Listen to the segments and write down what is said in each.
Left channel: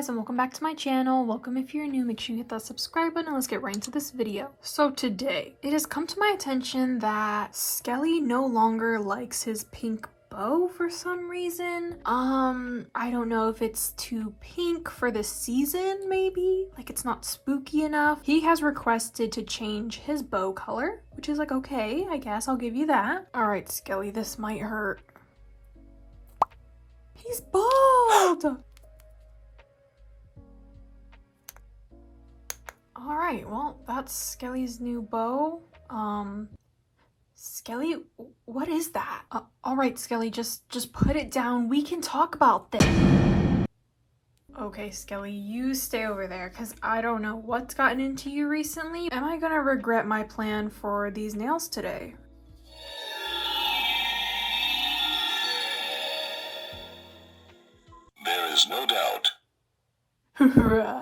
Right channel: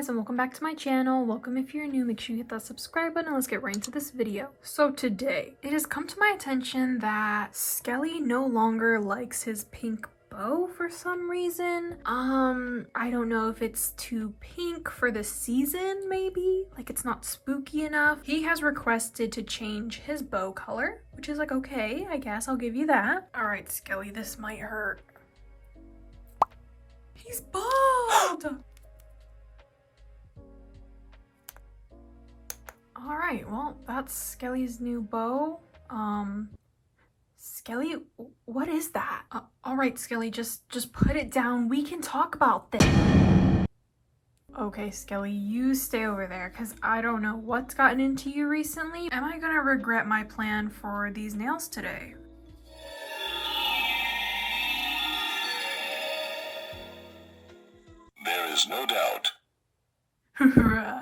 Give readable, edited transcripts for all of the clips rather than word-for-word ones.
guys, and welcome back to my channel. Welcome if you're new, make sure you hit that subscribe button and let's get right into this video. So today, it has come to my attention that Skelly no longer likes his pink bow for some reason. I don't know if it's too pink for the season, maybe? Like it's not spooky enough. He has requested to change his bow color, which is like, okay, I guess I'll give you that. All right, Skelly, this might hurt. He's bald! Alright, well, that's Skelly's new bow. Skelly, what is that? Alright, Skelly, just put it down. We can talk about this. Okay, Skelly, you stay over there, because I don't know what's gotten into you recently. Am I gonna regret my plan for these nails today? There is no doubt. Right.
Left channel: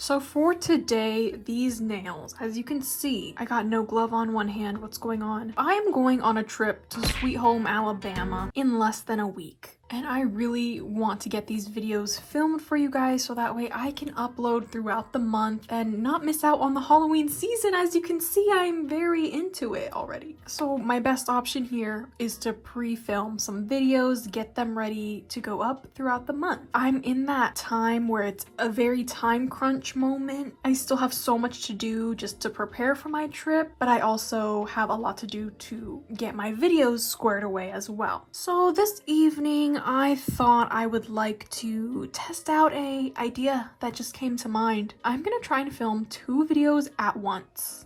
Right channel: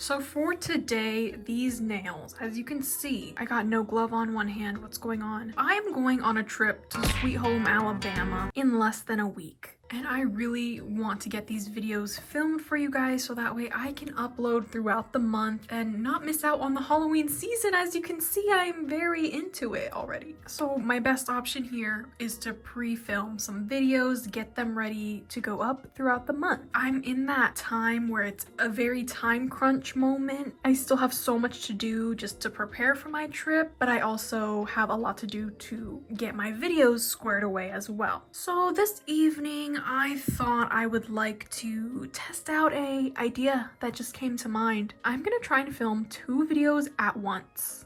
So for today, these nails, as you can see, I got no glove on one hand. What's going on? I'm going on a trip to Sweet Home, Alabama in less than a week. And I really want to get these videos filmed for you guys so that way I can upload throughout the month and not miss out on the Halloween season. As you can see, I'm very into it already. So my best option here is to pre-film some videos, get them ready to go up throughout the month. I'm in that time where it's a very time crunch moment. I still have so much to do just to prepare for my trip, but I also have a lot to do to get my videos squared away as well. So this evening, I thought I would like to test out an idea that just came to mind. I'm gonna try and film 2 videos at once.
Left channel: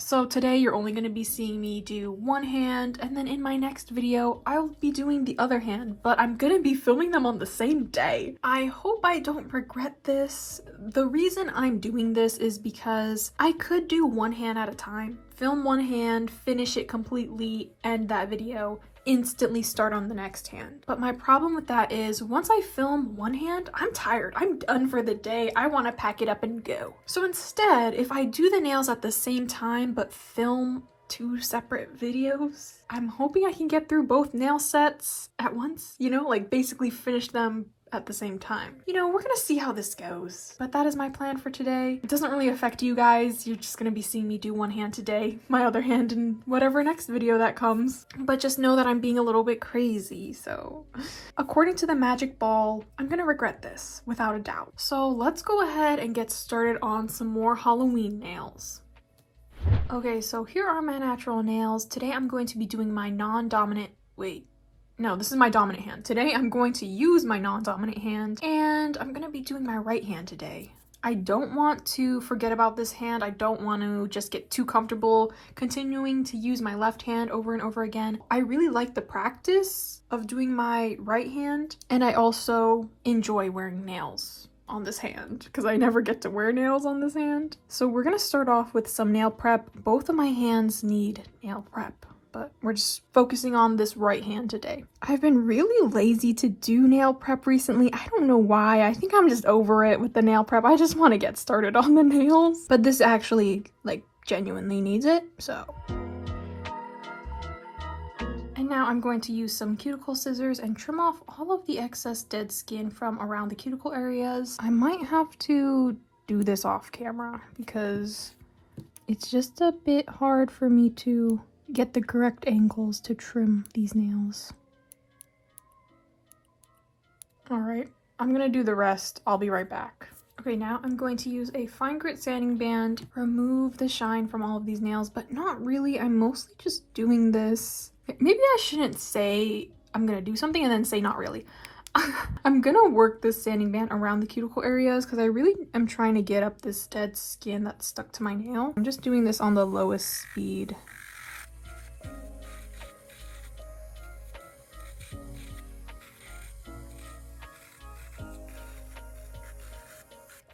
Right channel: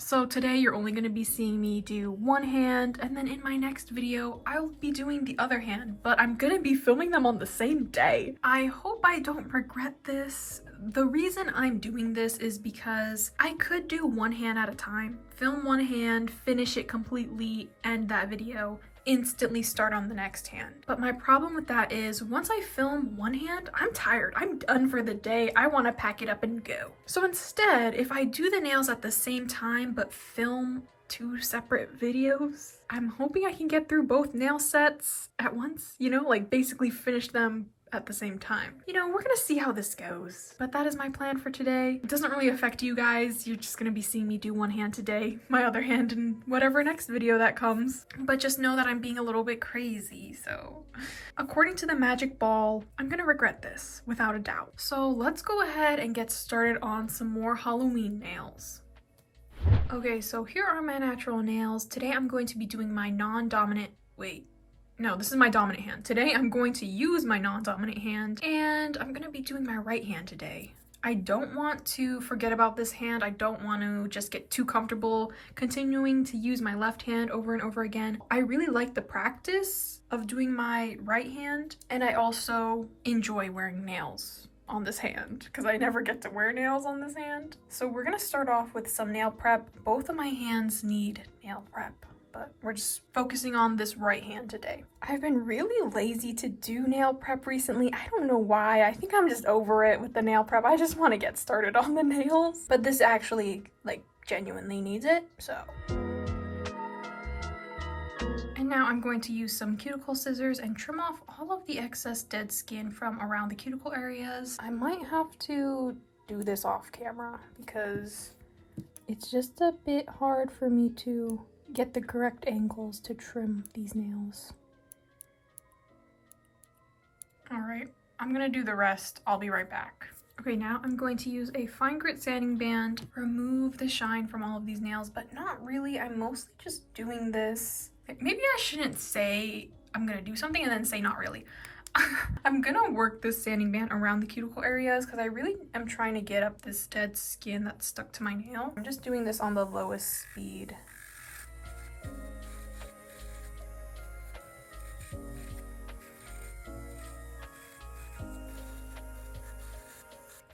So today you're only going to be seeing me do one hand, and then in my next video I'll be doing the other hand, but I'm going to be filming them on the same day. I hope I don't regret this. The reason I'm doing this is because I could do one hand at a time, film one hand, finish it completely, end that video, instantly start on the next hand. But my problem with that is once I film one hand, I'm tired. I'm done for the day. I want to pack it up and go. So instead, if I do the nails at the same time but film 2 separate videos, I'm hoping I can get through both nail sets at once, you know, like basically finish them at the same time. You know, we're gonna see how this goes. But that is my plan for today. It doesn't really affect you guys. You're just gonna be seeing me do one hand today, my other hand in whatever next video that comes. But just know that I'm being a little bit crazy, so. According to the magic ball, I'm gonna regret this, without a doubt. So let's go ahead and get started on some more Halloween nails. Okay, so here are my natural nails. Today I'm going to be doing my non-dominant, no, this is my dominant hand. Today I'm going to use my non-dominant hand, and I'm going to be doing my right hand today. I don't want to forget about this hand. I don't want to just get too comfortable continuing to use my left hand over and over again. I really like the practice of doing my right hand, and I also enjoy wearing nails on this hand because I never get to wear nails on this hand. So we're going to start off with some nail prep. Both of my hands need nail prep, but we're just focusing on this right hand today. I've been really lazy to do nail prep recently. I don't know why. I think I'm just over it with the nail prep. I just want to get started on the nails. But this actually, like, genuinely needs it, so. And now I'm going to use some cuticle scissors and trim off all of the excess dead skin from around the cuticle areas. I might have to do this off camera because it's just a bit hard for me to get the correct angles to trim these nails. Alright, I'm gonna do the rest. I'll be right back. Okay, now I'm going to use a fine grit sanding band, remove the shine from all of these nails, but not really. I'm mostly just doing this. Maybe I shouldn't say I'm gonna do something and then say not really. I'm gonna work this sanding band around the cuticle areas because I really am trying to get up this dead skin that's stuck to my nail. I'm just doing this on the lowest speed.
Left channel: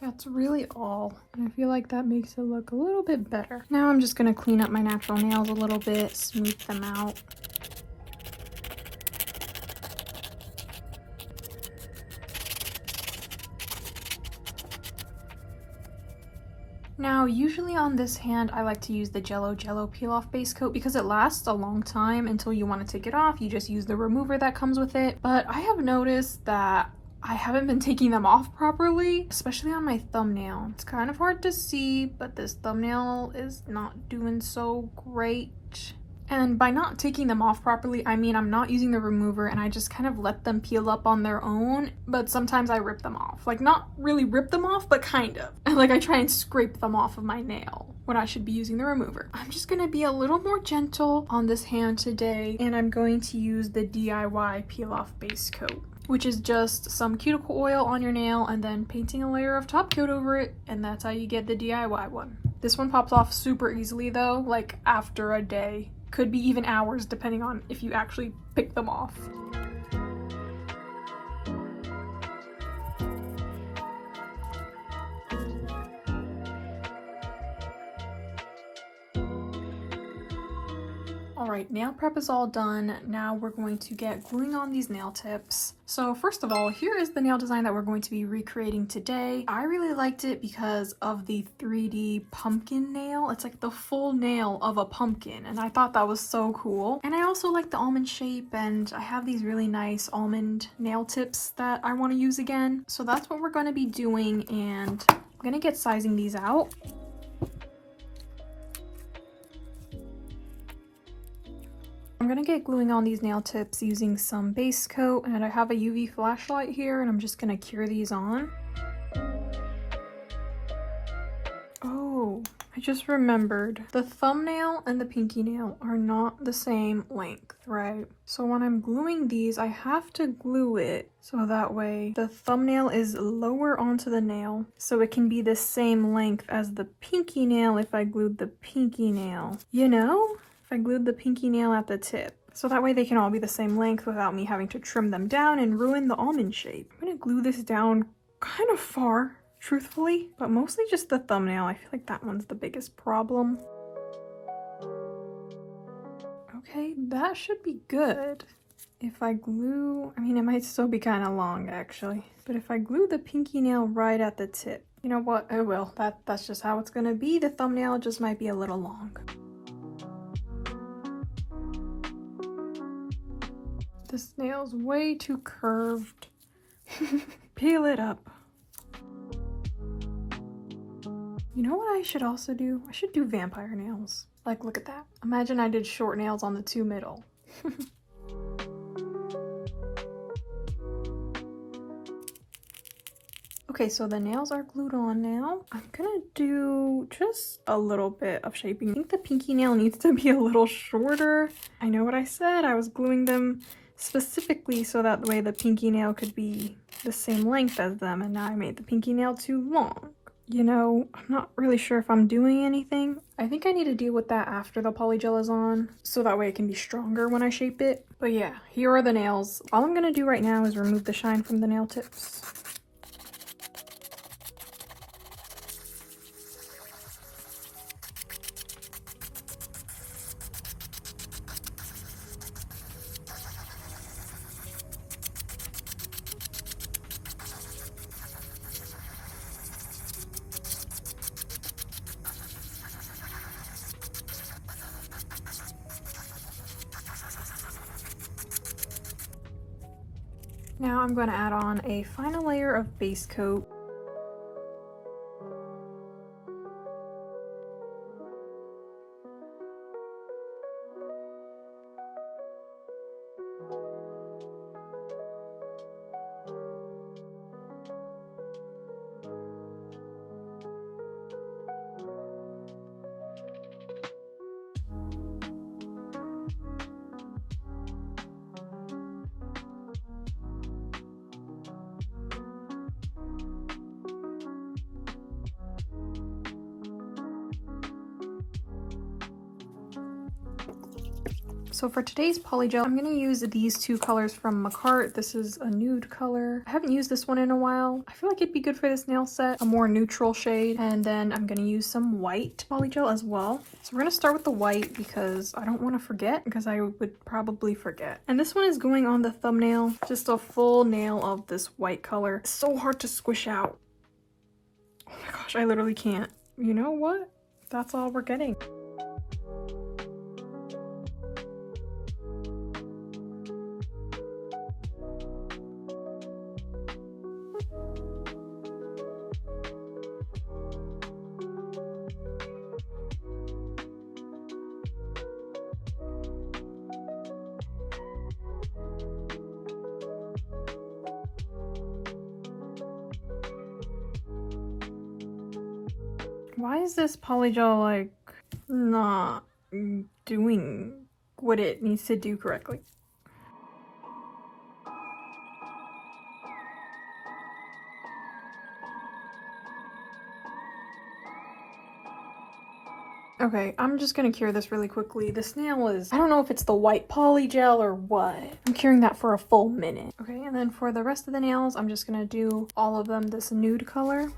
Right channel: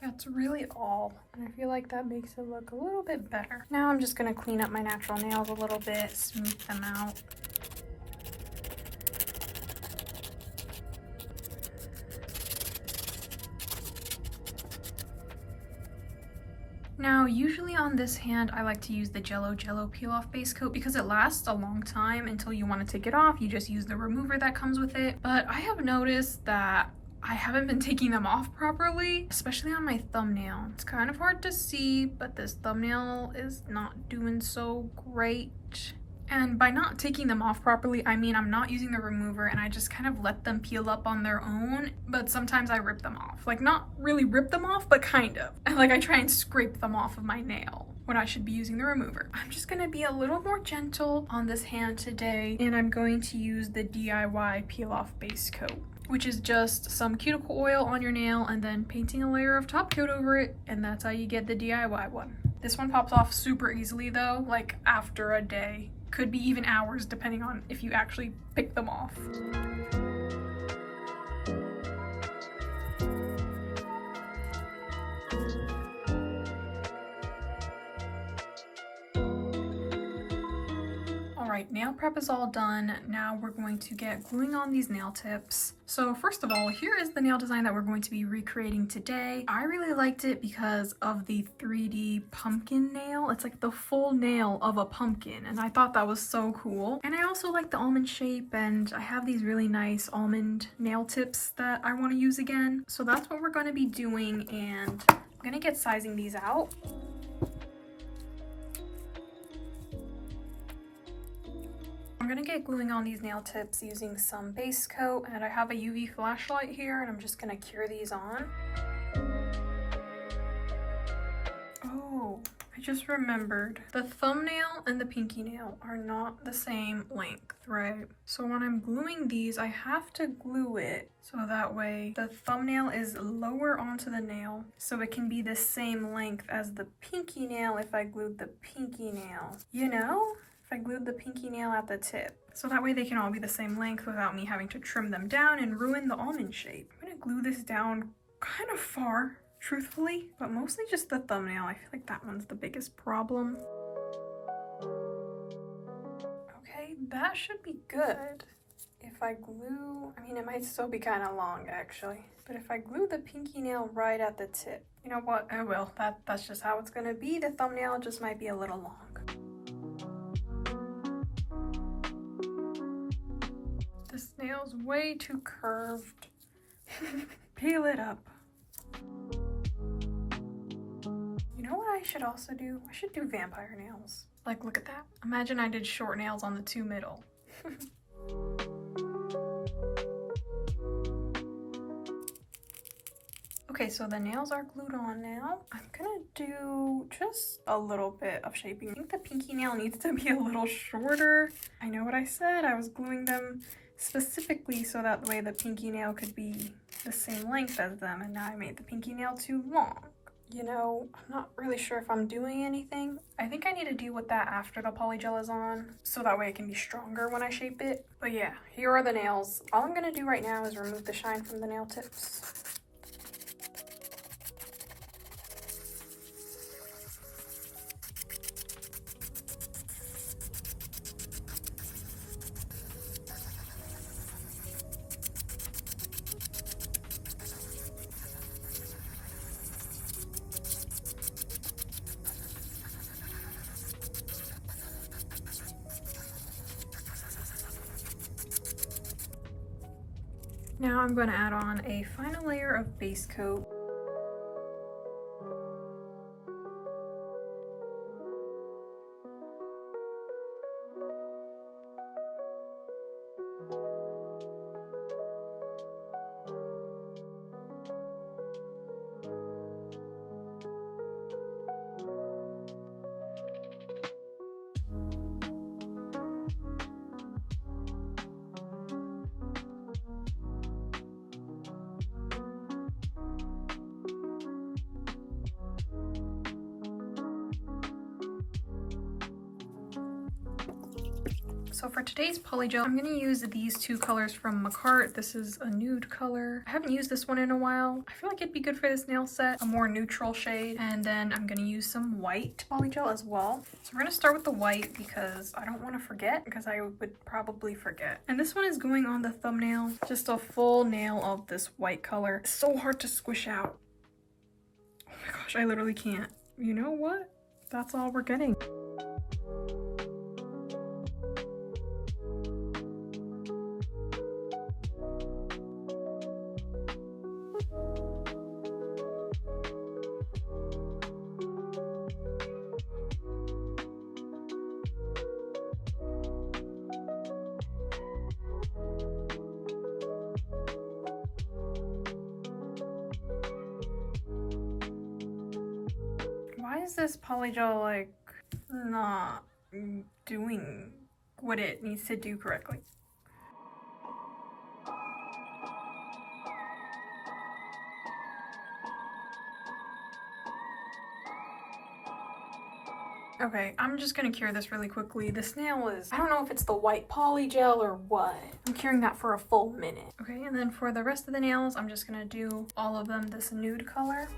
That's really all, and I feel like that makes it look a little bit better. Now I'm just going to clean up my natural nails a little bit, smooth them out. Now, usually on this hand, I like to use the Jello Peel Off Base Coat because it lasts a long time until you want to take it off. You just use the remover that comes with it. But I have noticed that I haven't been taking them off properly, especially on my thumbnail. It's kind of hard to see, but this thumbnail is not doing so great. And by not taking them off properly, I mean I'm not using the remover and I just kind of let them peel up on their own, but sometimes I rip them off. Like, not really rip them off, but kind of. And like I try and scrape them off of my nail when I should be using the remover. I'm just gonna be a little more gentle on this hand today, and I'm going to use the DIY Peel Off Base Coat, which is just some cuticle oil on your nail and then painting a layer of top coat over it, and that's how you get the DIY one. This one pops off super easily though, like after a day. Could be even hours depending on if you actually pick them off. Alright, nail prep is all done. Now we're going to get gluing on these nail tips. So first of all, here is the nail design that we're going to be recreating today. I really liked it because of the 3D pumpkin nail. It's like the full nail of a pumpkin, and I thought that was so cool. And I also like the almond shape, and I have these really nice almond nail tips that I want to use again. So that's what we're going to be doing, and I'm going to get sizing these out. I'm gonna get gluing on these nail tips using some base coat, and I have a UV flashlight here, and I'm just gonna cure these on. Oh, I just remembered. The thumbnail and the pinky nail are not the same length, right? So when I'm gluing these, I have to glue it so that way the thumbnail is lower onto the nail, so it can be the same length as the pinky nail if I glued the pinky nail. You know? If I glued the pinky nail at the tip. So that way they can all be the same length without me having to trim them down and ruin the almond shape. I'm gonna glue this down kind of far, truthfully, but mostly just the thumbnail. I feel like that one's the biggest problem. Okay, that should be good. If I glue, I mean, it might still be kind of long actually, but if I glue the pinky nail right at the tip, you know what, I will. That's just how it's gonna be. The thumbnail just might be a little long. This nail's way too curved. Peel it up. You know what I should also do? I should do vampire nails. Like, look at that. Imagine I did short nails on the two middle. Okay, so the nails are glued on now. I'm gonna do just a little bit of shaping. I think the pinky nail needs to be a little shorter. I know what I said. I was gluing them specifically so that the way the pinky nail could be the same length as them, and now I made the pinky nail too long. You know, I'm not really sure if I'm doing anything. I think I need to deal with that after the polygel is on, so that way it can be stronger when I shape it. But yeah, here are the nails. All I'm gonna do right now is remove the shine from the nail tips. Now I'm going to add on a final layer of base coat. So for today's polygel, I'm going to use these two colors from Makartt. This is a nude color. I haven't used this one in a while. I feel like it'd be good for this nail set, a more neutral shade. And then I'm going to use some white polygel as well. So we're going to start with the white because I don't want to forget, because I would probably forget. And this one is going on the thumbnail. Just a full nail of this white color. It's so hard to squish out. Oh my gosh, I literally can't. you know what? That's all we're getting. Why is this polygel like not doing what it needs to do correctly? Okay, I'm just gonna cure this really quickly. This nail is, I don't know if it's the white polygel or what. I'm curing that for a full minute. Okay, and then for the rest of the nails, I'm just gonna do all of them this nude color.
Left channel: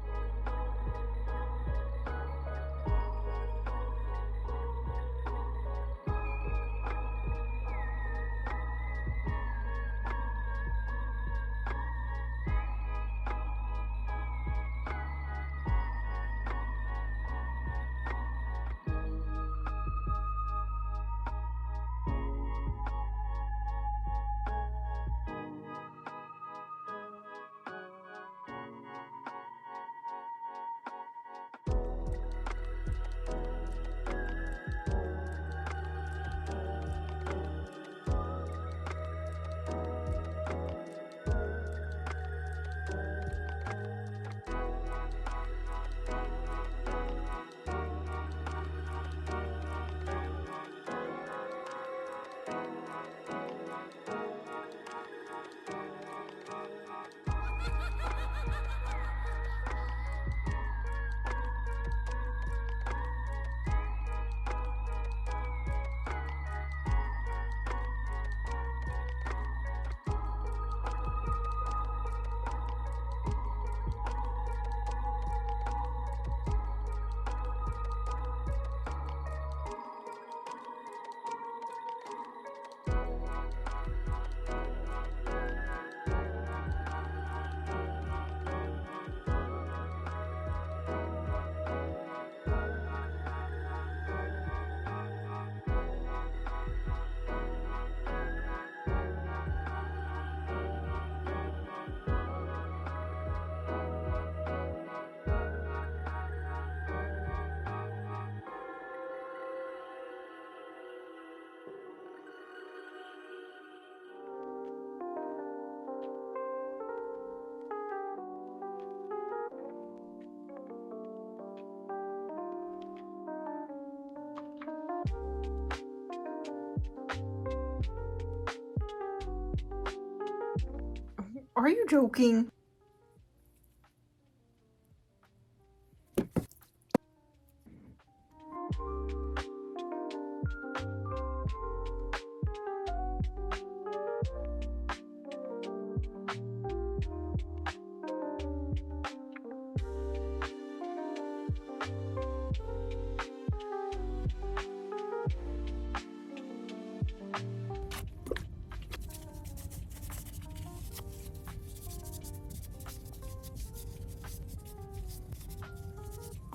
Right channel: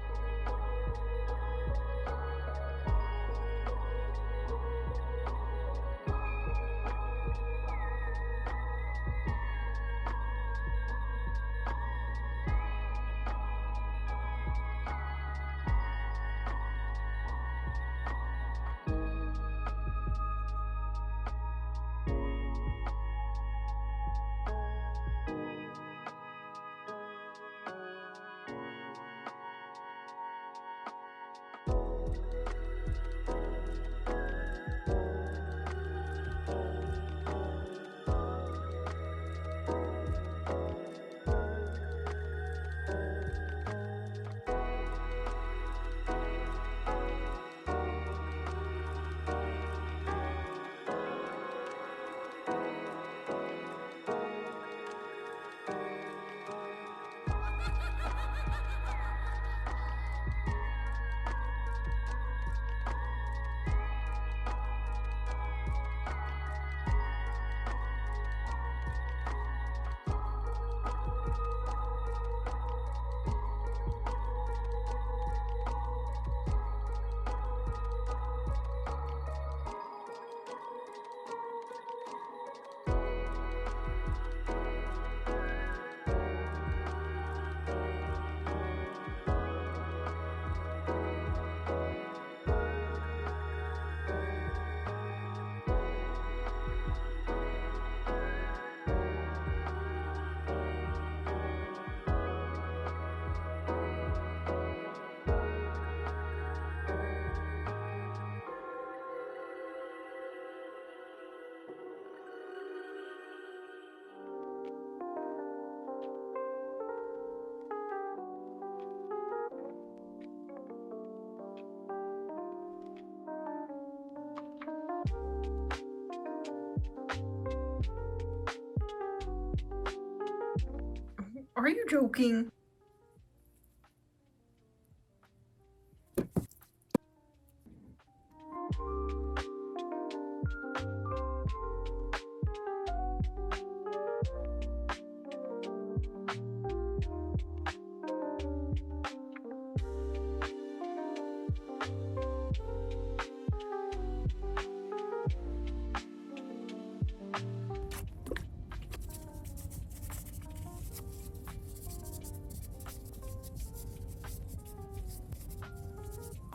Are you joking?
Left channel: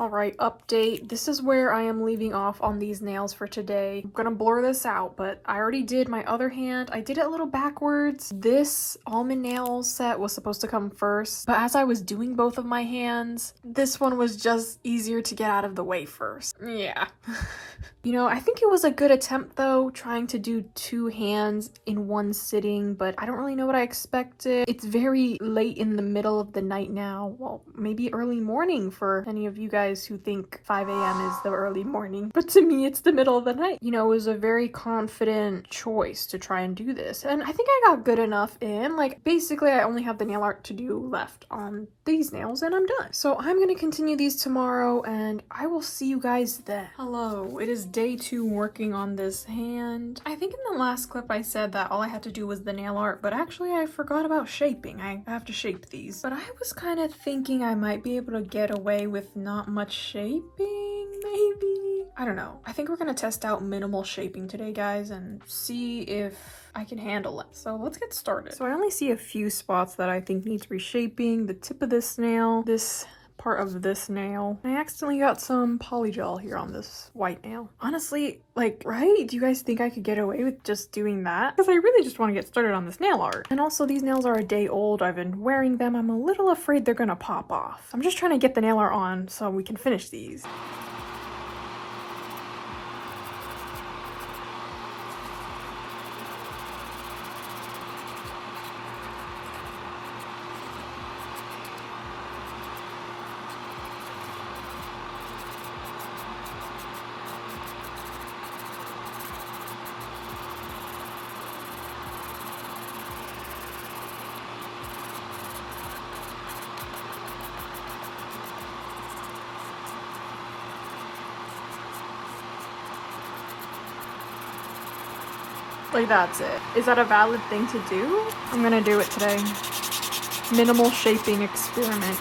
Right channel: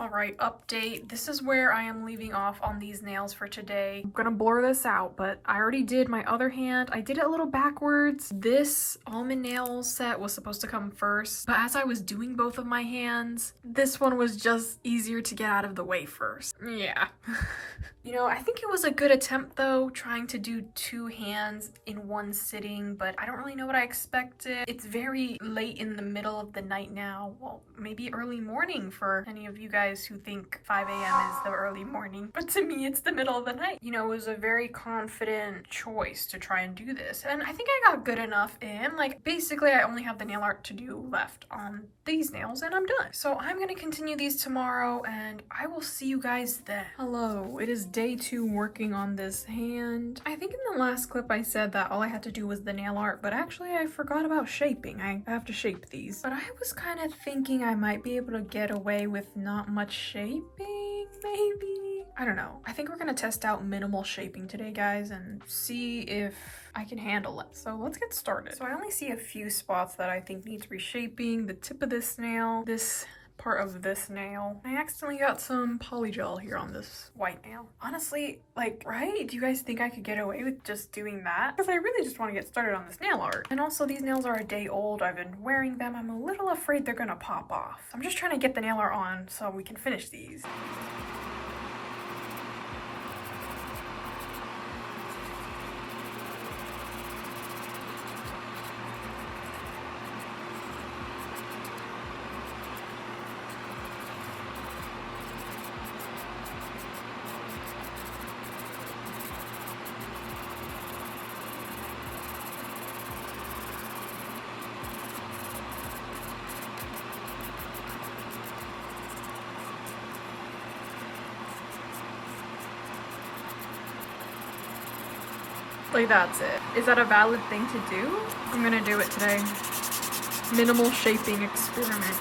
Alright, update. This is where I am leaving off on these nails for today. I'm gonna blur this out, but I already did my other hand. I did it a little backwards. This almond nail set was supposed to come first, but as I was doing both of my hands, this one was just easier to get out of the way first. Yeah. You know, I think it was a good attempt though, trying to do two hands in one sitting, but I don't really know what I expected. It's very late in the middle of the night now. Well, maybe early morning for any of you guys who think 5 a.m. is the early morning, but to me it's the middle of the night. You know, it was a very confident choice to try and do this, and I think I got good enough in. Like, basically I only have the nail art to do left on these nails and I'm done. So I'm gonna continue these tomorrow and I will see you guys then. Hello, it is day 2 working on this hand. I think in the last clip I said that all I had to do was the nail art, but actually I forgot about shaping. I have to shape these. But I was kind of thinking I might be able to get away with not much shaping, maybe? I don't know. I think we're gonna test out minimal shaping today, guys, and see if I can handle it. So let's get started. So I only see a few spots that I think needs reshaping. The tip of this nail, this part of this nail. I accidentally got some polygel here on this white nail. Honestly, like, right? Do you guys think I could get away with just doing that? Because I really just want to get started on this nail art. And also these nails are a day old. I've been wearing them. I'm a little afraid they're gonna pop off. I'm just trying to get the nail art on so we can finish these. Like, that's it. Is that a valid thing to do? I'm gonna do it today. Minimal shaping experiment.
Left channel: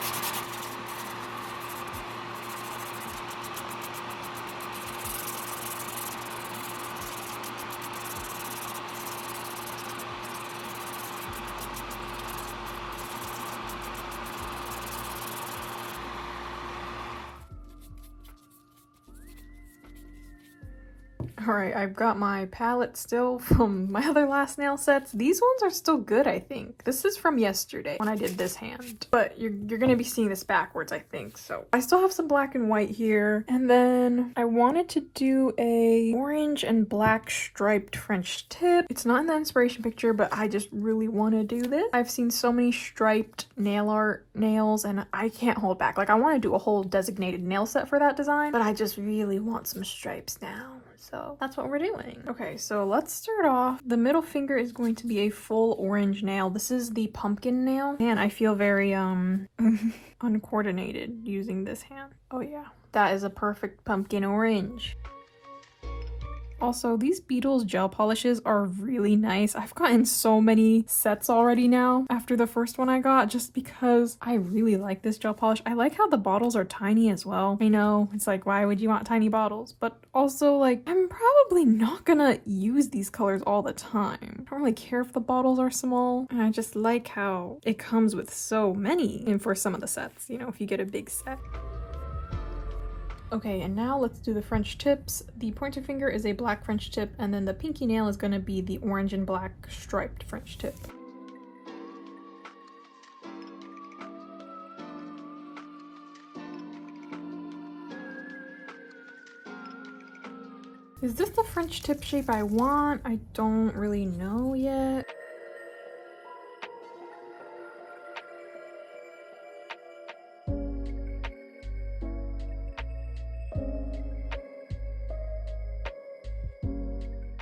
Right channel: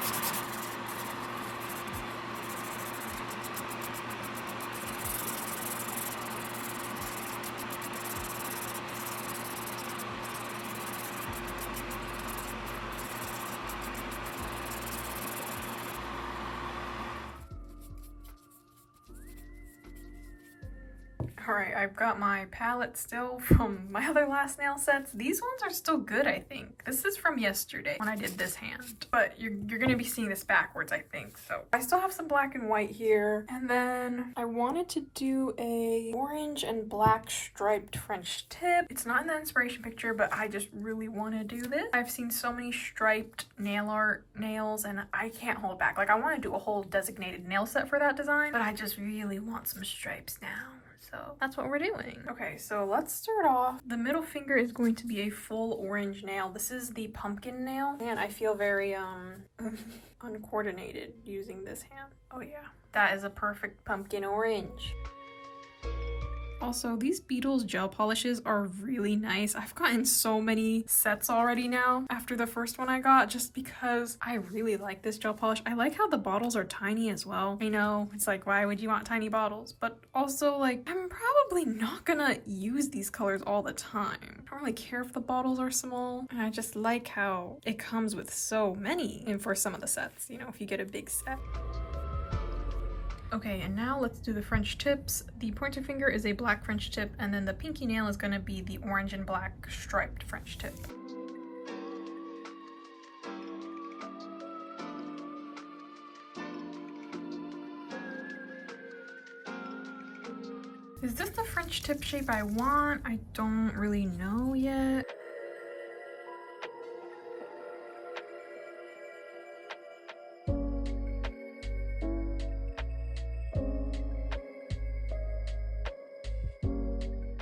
Alright, I've got my palette still from my other last nail sets. These ones are still good, I think. This is from yesterday when I did this hand. But you're gonna be seeing this backwards, I think. So I still have some black and white here. And then I wanted to do a orange and black striped French tip. It's not in the inspiration picture, but I just really want to do this. I've seen so many striped nail art nails and I can't hold back. Like, I want to do a whole designated nail set for that design, but I just really want some stripes now. So that's what we're doing. Okay, so let's start off. The middle finger is going to be a full orange nail. This is the pumpkin nail. And I feel very uncoordinated using this hand. Oh yeah, that is a perfect pumpkin orange. Also, these Beetles gel polishes are really nice. I've gotten so many sets already now after the first one I got, just because I really like this gel polish. I like how the bottles are tiny as well. I know, it's like, why would you want tiny bottles? But also, like, I'm probably not gonna use these colors all the time. I don't really care if the bottles are small. And I just like how it comes with so many and for some of the sets, you know, if you get a big set. Okay, and now let's do the French tips. The pointer finger is a black French tip, and then the pinky nail is going to be the orange and black striped French tip. Is this the French tip shape I want? I don't really know yet.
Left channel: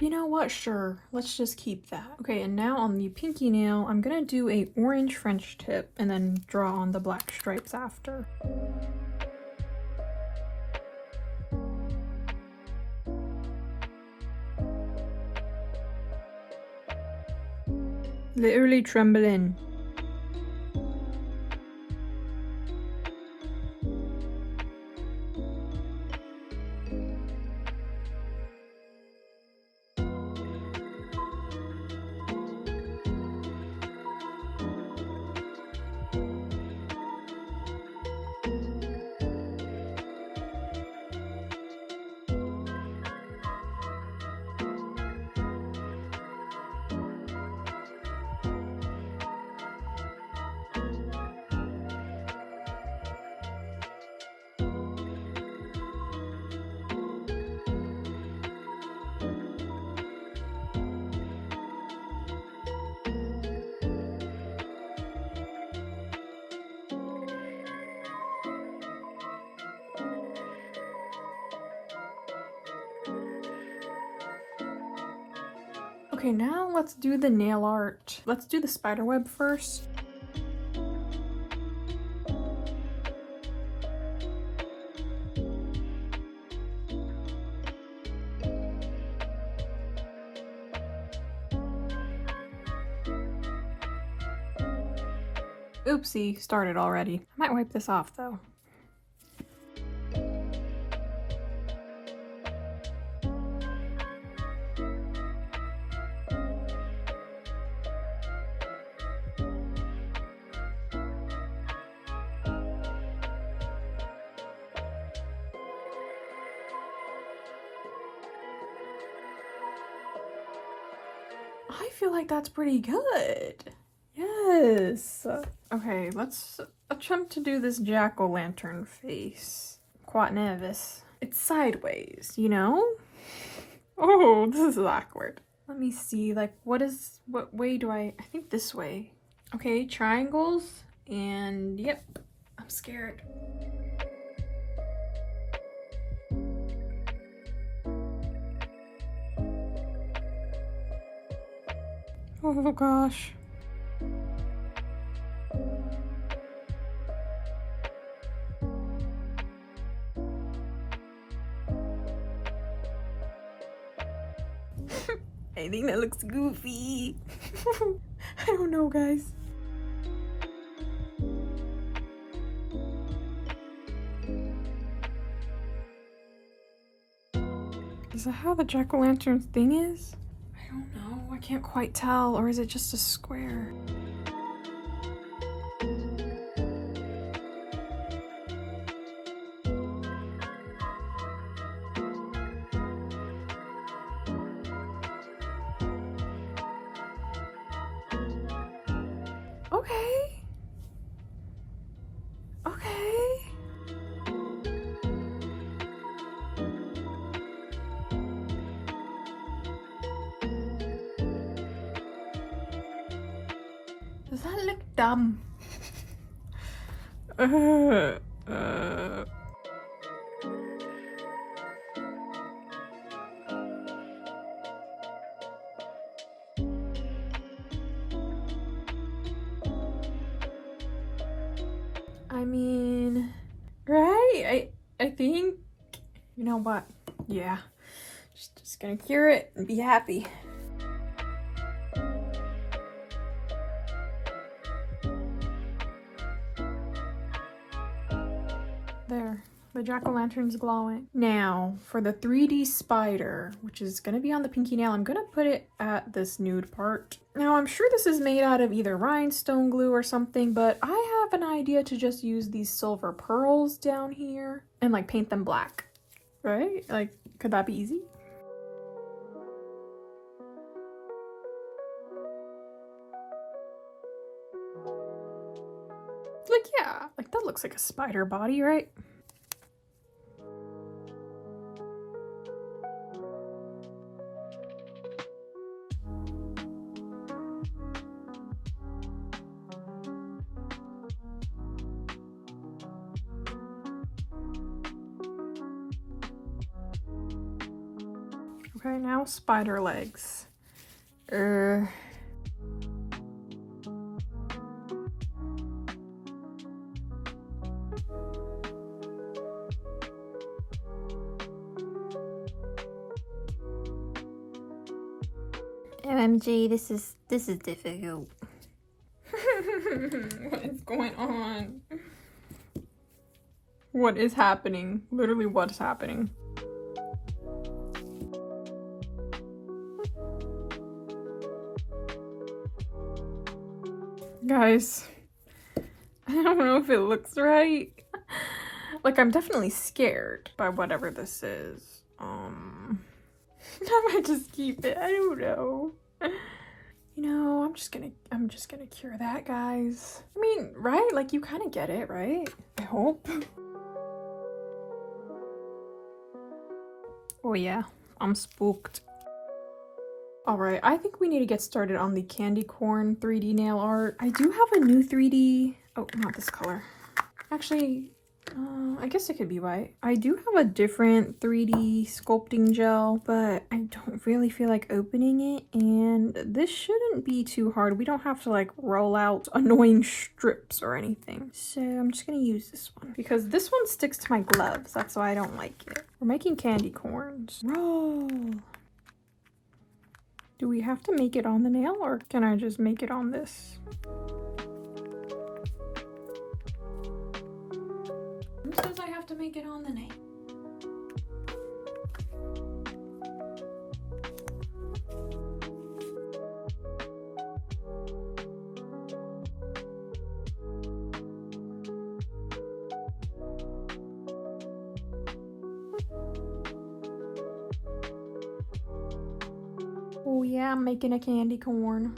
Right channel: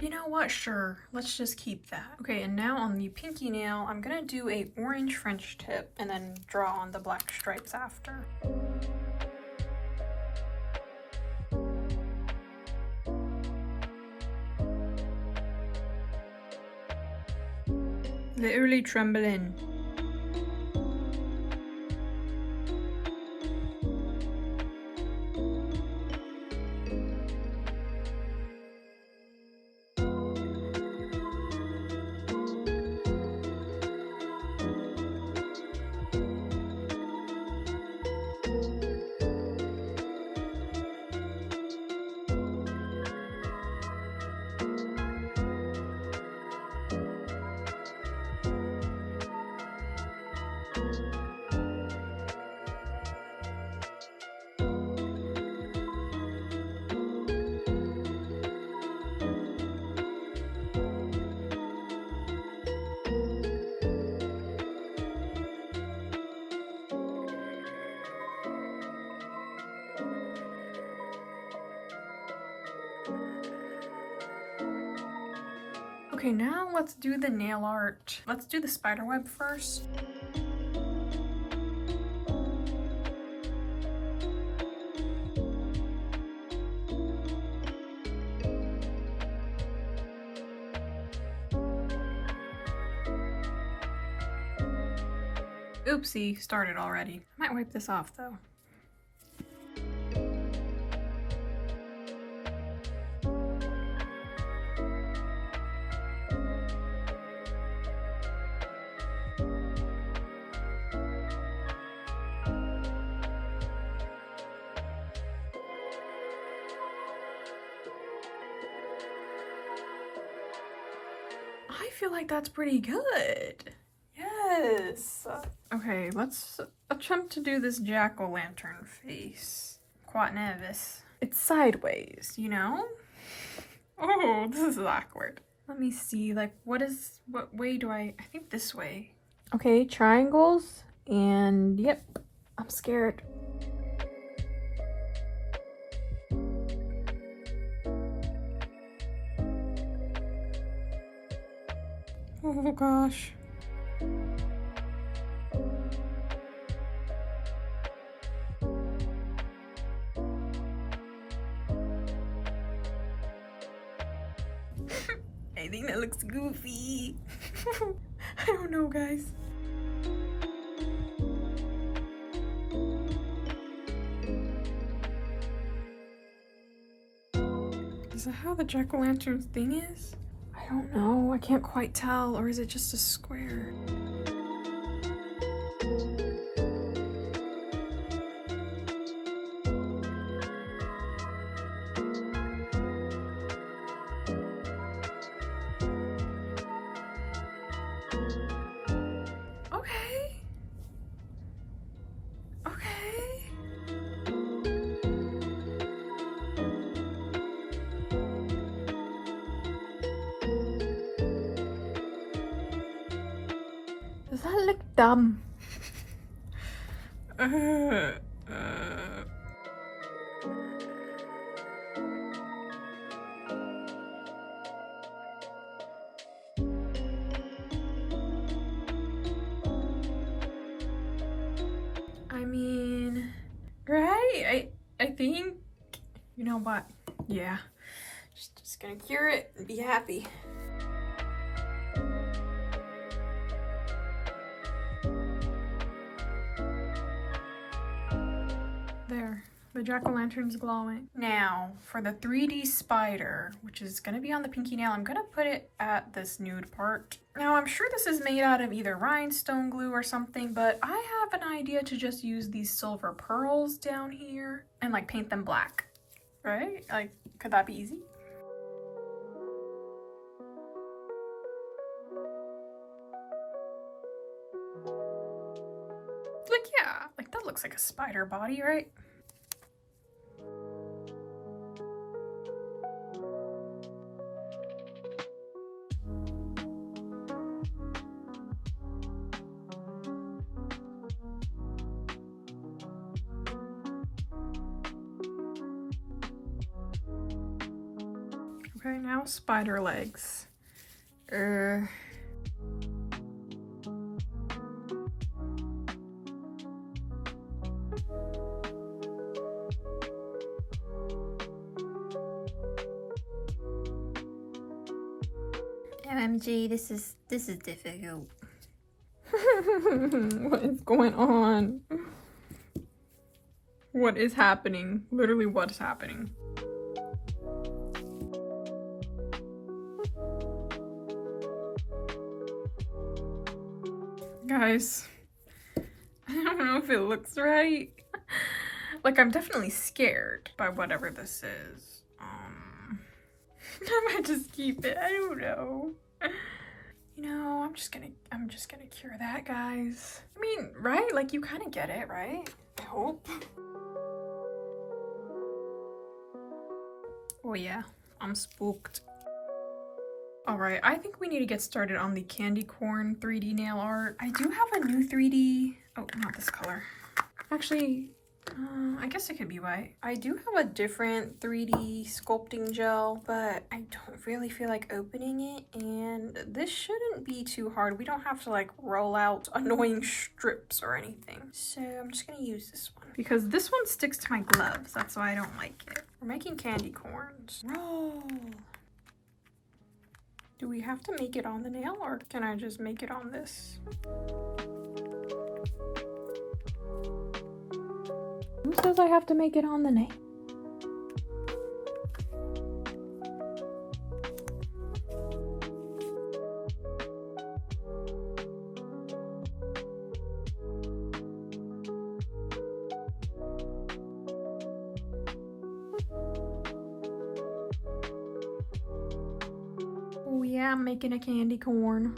You know what? Sure, let's just keep that. Okay, and now on the pinky nail, I'm gonna do a orange French tip and then draw on the black stripes after. Literally trembling. Okay, now let's do the nail art. Let's do the spider web first. Oopsie, started already. I might wipe this off though. I feel like that's pretty good. Yes. Okay, let's attempt to do this jack-o'-lantern face. Quite nervous. It's sideways, you know? Oh, this is awkward. Let me see, like, what way do I think this way. Okay, triangles, and yep, I'm scared. Oh gosh. I think that looks goofy. I don't know, guys. Is that how the jack-o'-lantern thing is? I don't know. I can't quite tell. Or is it just a square? Okay. Okay. Does that look dumb? I mean, right? I think, you know what? Yeah, just gonna cure it and be happy. There, the jack-o'-lantern's glowing. Now, for the 3D spider, which is gonna be on the pinky nail, I'm gonna put it at this nude part. Now, I'm sure this is made out of either rhinestone glue or something, but I have an idea to just use these silver pearls down here and like paint them black, right? Like, could that be easy? Like, yeah, like that looks like a spider body, right? Okay, now spider legs. OMG, this is difficult. What is going on? What is happening? Literally, what is happening? Guys, I don't know if it looks right. Like, I'm definitely scared by whatever this is. I might just keep it. I don't know. You know, I'm just gonna cure that, guys. I mean, right? Like, you kind of get it, right? I hope. Oh yeah, I'm spooked. All right, I think we need to get started on the candy corn 3D nail art. I do have a new 3D, oh, not this color. Actually, I guess it could be white. I do have a different 3D sculpting gel, but I don't really feel like opening it, and this shouldn't be too hard. We don't have to like roll out annoying strips or anything. So I'm just gonna use this one because this one sticks to my gloves. That's why I don't like it. We're making candy corns. Roll. Do we have to make it on the nail, or can I just make it on this? Who says I have to make it on the nail? Oh yeah. Yeah, I'm making a candy corn.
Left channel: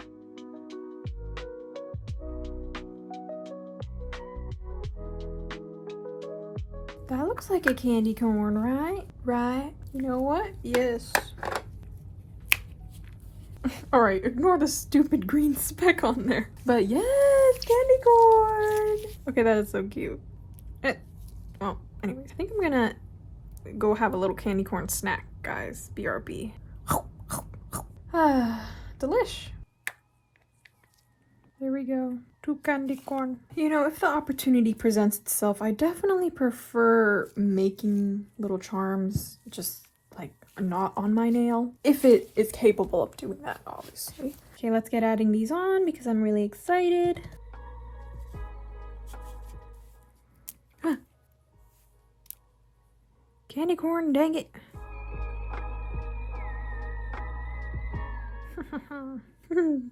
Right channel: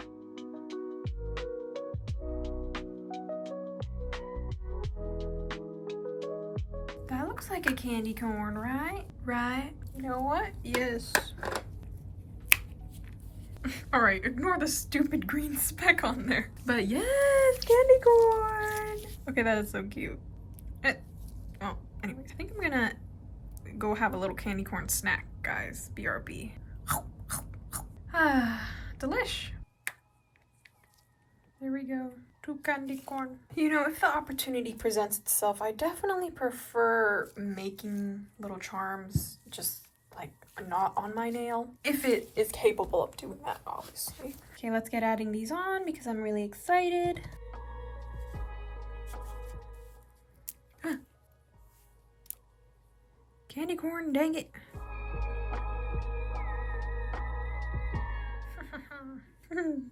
That looks like a candy corn, right? Right? You know what? Yes. Alright, ignore the stupid green speck on there. But yes, candy corn! Okay, that is so cute. Well, anyways, I think I'm gonna go have a little candy corn snack, guys. BRB. Ah, delish. There we go. 2 candy corn. You know, if the opportunity presents itself, I definitely prefer making little charms just like not on my nail. If it is capable of doing that, obviously. Okay, let's get adding these on because I'm really excited. Huh. Candy corn, dang it.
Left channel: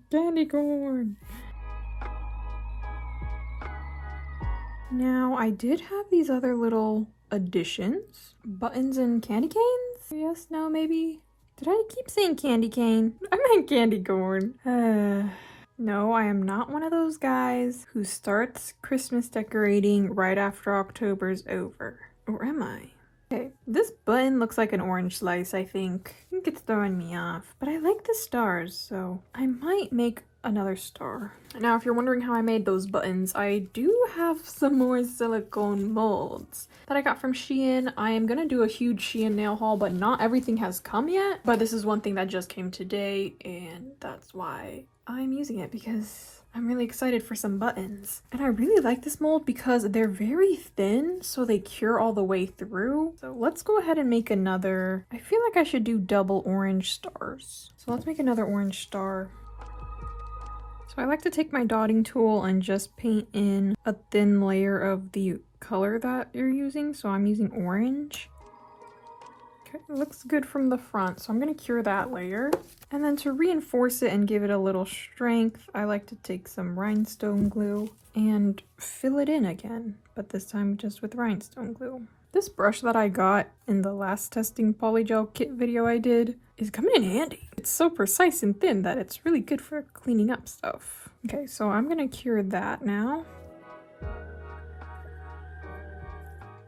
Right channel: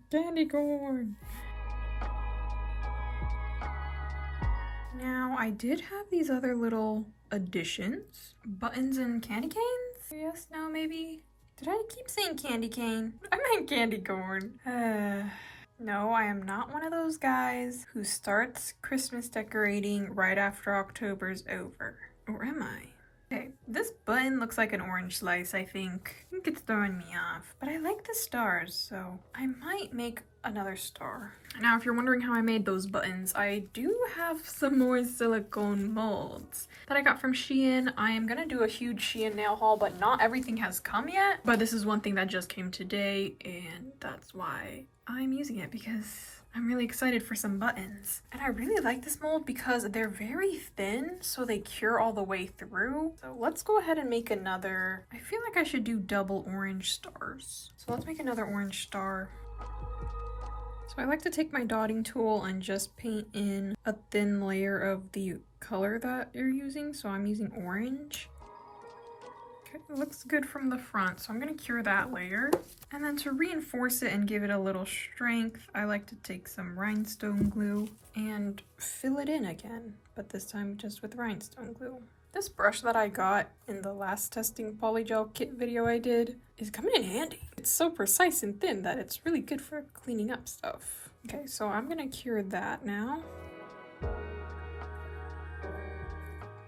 Candy corn. Now, I did have these other little additions. Buttons and candy canes? Yes, no, maybe? Did I keep saying candy cane? I meant candy corn. No, I am not one of those guys who starts Christmas decorating right after October's over. Or am I? Okay, this button looks like an orange slice, I think. I think it's throwing me off. But I like the stars, so I might make another star. Now, if you're wondering how I made those buttons, I do have some more silicone molds that I got from Shein. I am gonna do a huge Shein nail haul, but not everything has come yet. But this is one thing that just came today, and that's why I'm using it, because I'm really excited for some buttons. And I really like this mold because they're very thin, so they cure all the way through. So let's go ahead and make another. I feel like I should do double orange stars. So let's make another orange star. So I like to take my dotting tool and just paint in a thin layer of the color that you're using. So I'm using orange. Okay, it looks good from the front, so I'm gonna cure that layer. And then to reinforce it and give it a little strength, I like to take some rhinestone glue and fill it in again, but this time just with rhinestone glue. This brush that I got in the last testing Polygel kit video I did is coming in handy. It's so precise and thin that it's really good for cleaning up stuff. Okay, so I'm gonna cure that now.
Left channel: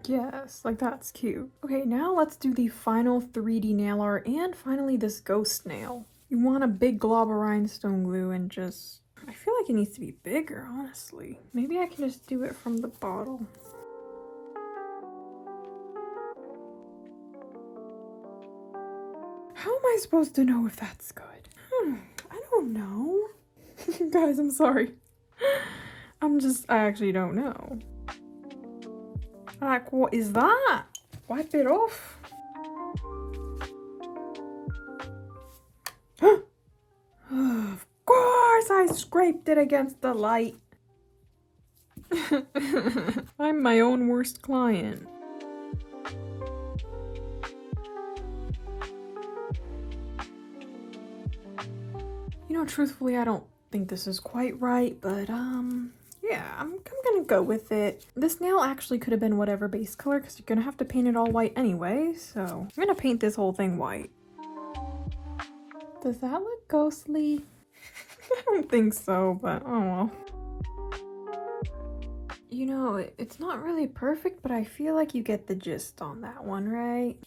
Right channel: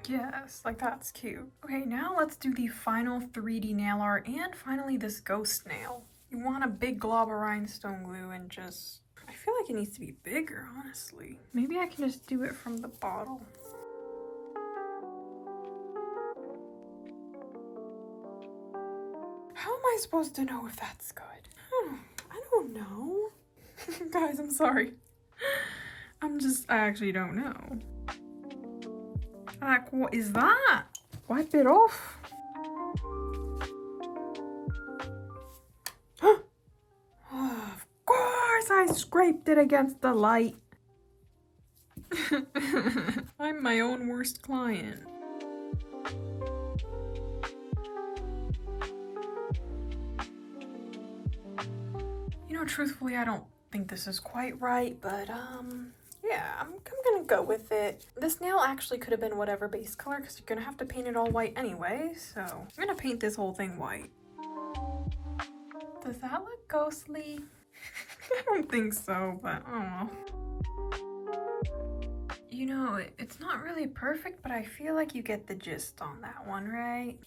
Yes, like that's cute. Okay, now let's do the final 3D nail art and finally this ghost nail. You want a big glob of rhinestone glue and just... I feel like it needs to be bigger, honestly. Maybe I can just do it from the bottle. How am I supposed to know if that's good? I don't know. Guys, I'm sorry. I actually don't know. Like, what is that? Wipe it off. Of course I scraped it against the light. I'm my own worst client. You know, truthfully, I don't think this is quite right, but yeah, I'm gonna go with it. This nail actually could have been whatever base color because you're gonna have to paint it all white anyway, so I'm gonna paint this whole thing white. Does that look ghostly? I don't think so, but oh well. You know, it's not really perfect, but I feel like you get the gist on that one, right?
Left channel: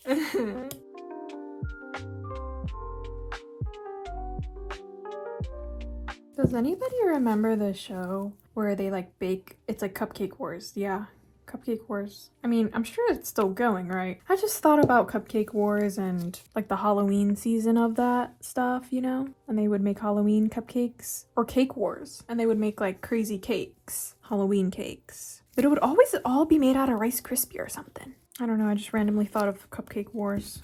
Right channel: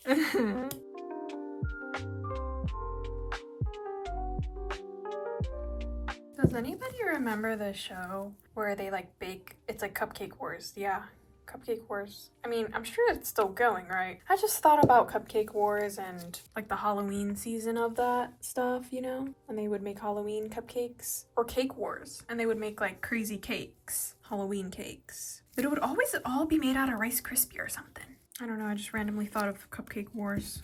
Does anybody remember the show where they like bake? It's like Cupcake Wars. Yeah, Cupcake Wars. I mean, I'm sure it's still going, right? I just thought about Cupcake Wars and like the Halloween season of that stuff, you know? And they would make Halloween cupcakes. Or Cake Wars. And they would make like crazy cakes. Halloween cakes. But it would always all be made out of Rice Krispie or something. I don't know, I just randomly thought of Cupcake Wars.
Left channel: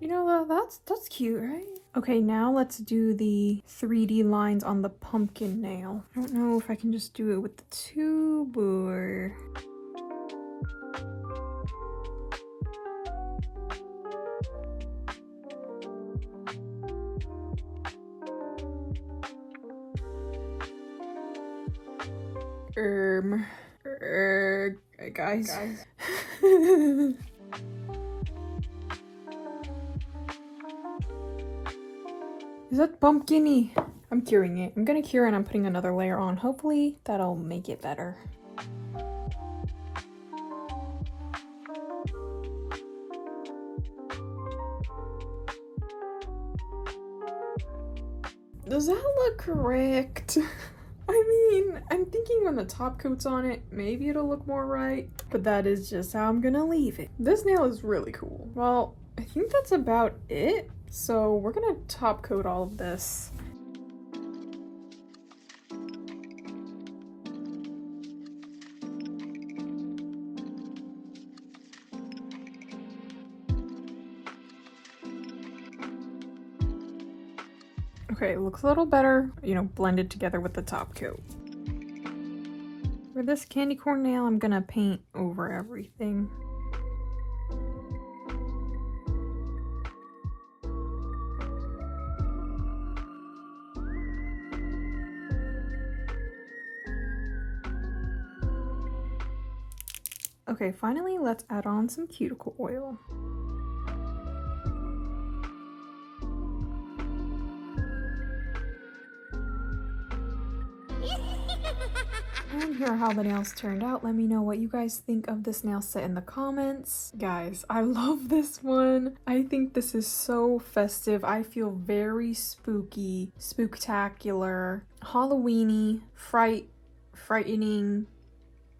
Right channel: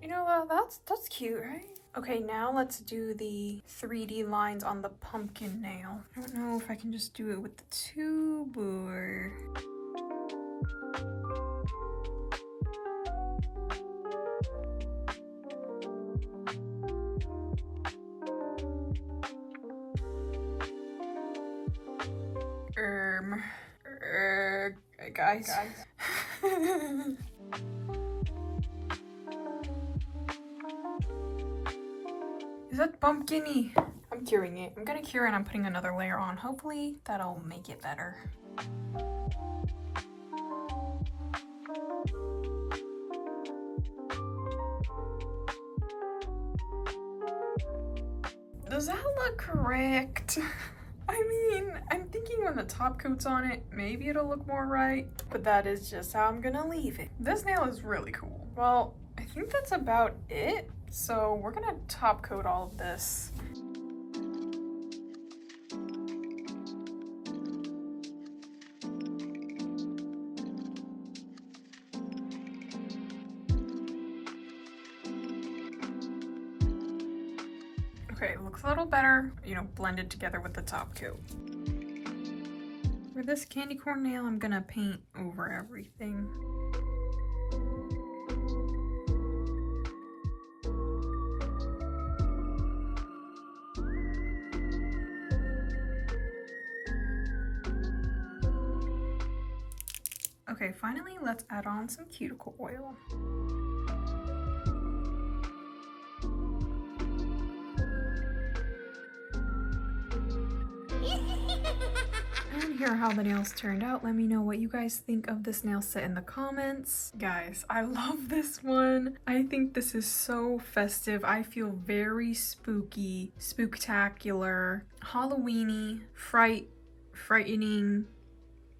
You know, that's cute, right? Okay, now let's do the 3D lines on the pumpkin nail. I don't know if I can just do it with the tube or... guys. Is that pumpkin-y? I'm curing it. I'm gonna cure and I'm putting another layer on. Hopefully that'll make it better. Does that look correct? I mean, I'm thinking when the top coat's on it, maybe it'll look more right, but that is just how I'm gonna leave it. This nail is really cool. Well, I think that's about it. So we're gonna top coat all of this. Okay, it looks a little better, you know, blended together with the top coat. For this candy corn nail, I'm gonna paint over everything. Okay, finally, let's add on some cuticle oil. And here are how the nails turned out. Let me know what you guys think of this nail set in the comments. Guys, I love this one. I think this is so festive. I feel very spooky, spooktacular, Halloween-y, frightening,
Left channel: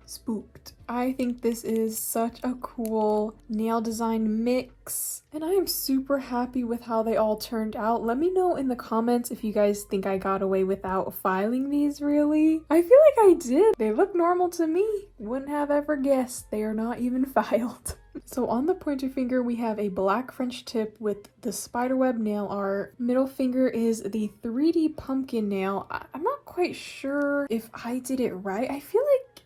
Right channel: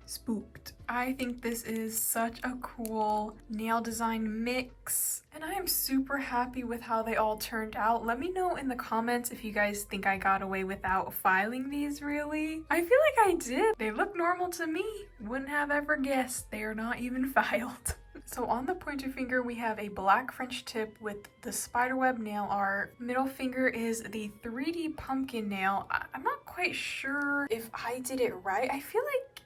spooked. I think this is such a cool nail design mix, and I am super happy with how they all turned out. Let me know in the comments if you guys think I got away without filing these really. I feel like I did. They look normal to me. Wouldn't have ever guessed. They are not even filed. So on the pointer finger, we have a black French tip with the spiderweb nail art. Middle finger is the 3D pumpkin nail. I'm not quite sure if I did it right. I feel like,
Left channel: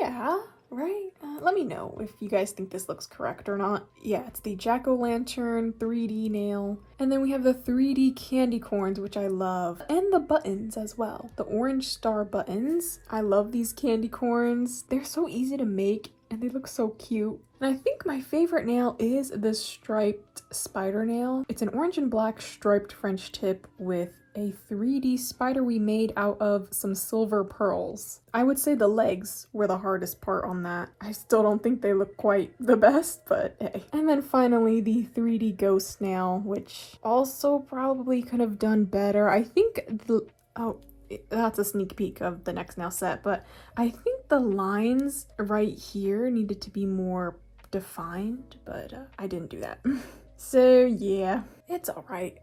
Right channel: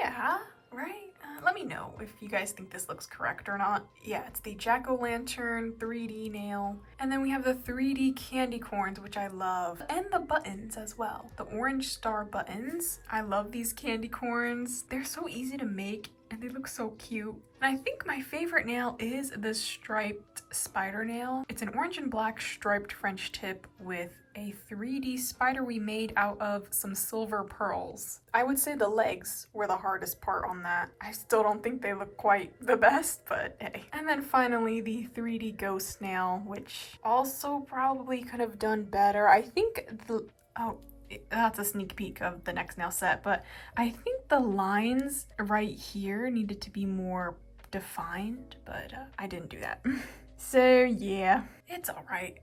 yeah, right? Let me know if you guys think this looks correct or not. Yeah, it's the jack-o'-lantern 3D nail. And then we have the 3D candy corns, which I love. And the buttons as well. The orange star buttons. I love these candy corns. They're so easy to make and they look so cute. And I think my favorite nail is the striped spider nail. It's an orange and black striped French tip with a 3D spider we made out of some silver pearls. I would say the legs were the hardest part on that. I still don't think they look quite the best, but hey. And then finally the 3D ghost nail, which also probably could have done better. I think that's a sneak peek of the next nail set, but I think the lines right here needed to be more defined, but I didn't do that. So yeah, it's all right.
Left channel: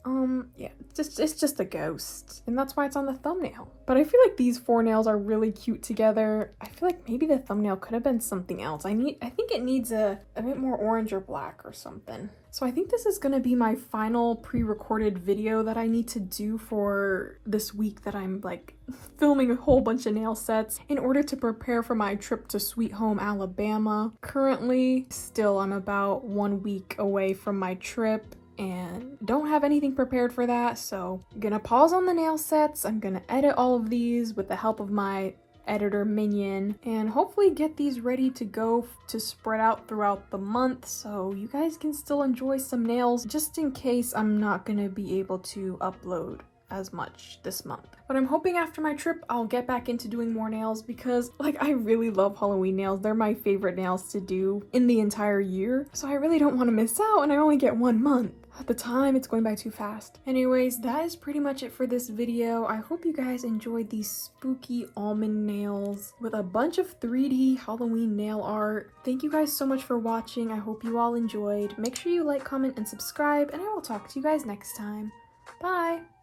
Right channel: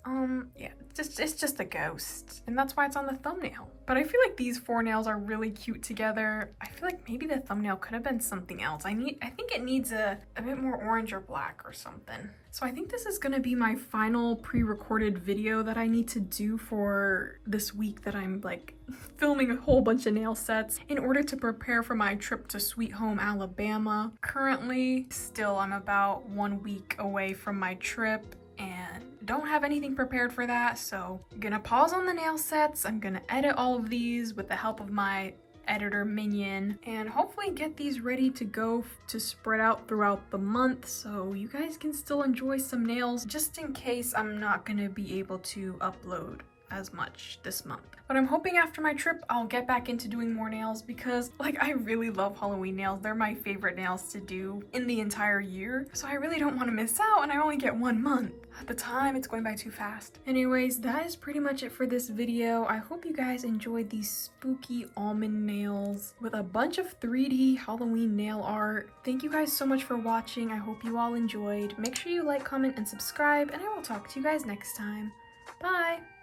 Yeah, it's just a ghost, and that's why it's on the thumbnail. But I feel like these four nails are really cute together. I feel like maybe the thumbnail could have been something else. I think it needs a bit more orange or black or something. So I think this is gonna be my final pre-recorded video that I need to do for this week that I'm like filming a whole bunch of nail sets in order to prepare for my trip to Sweet Home, Alabama. Currently, still I'm about 1 week away from my trip and don't have anything prepared for that, so I'm gonna pause on the nail sets. I'm gonna edit all of these with the help of my editor minion and hopefully get these ready to go to spread out throughout the month so you guys can still enjoy some nails just in case I'm not gonna be able to upload as much this month. But I'm hoping after my trip I'll get back into doing more nails because like I really love Halloween nails. They're my favorite nails to do in the entire year, so I really don't want to miss out, and I only get 1 month. At the time, it's going by too fast. Anyways, that is pretty much it for this video. I hope you guys enjoyed these spooky almond nails with a bunch of 3D Halloween nail art. Thank you guys so much for watching. I hope you all enjoyed. Make sure you like, comment, and subscribe, and I will talk to you guys next time. Bye!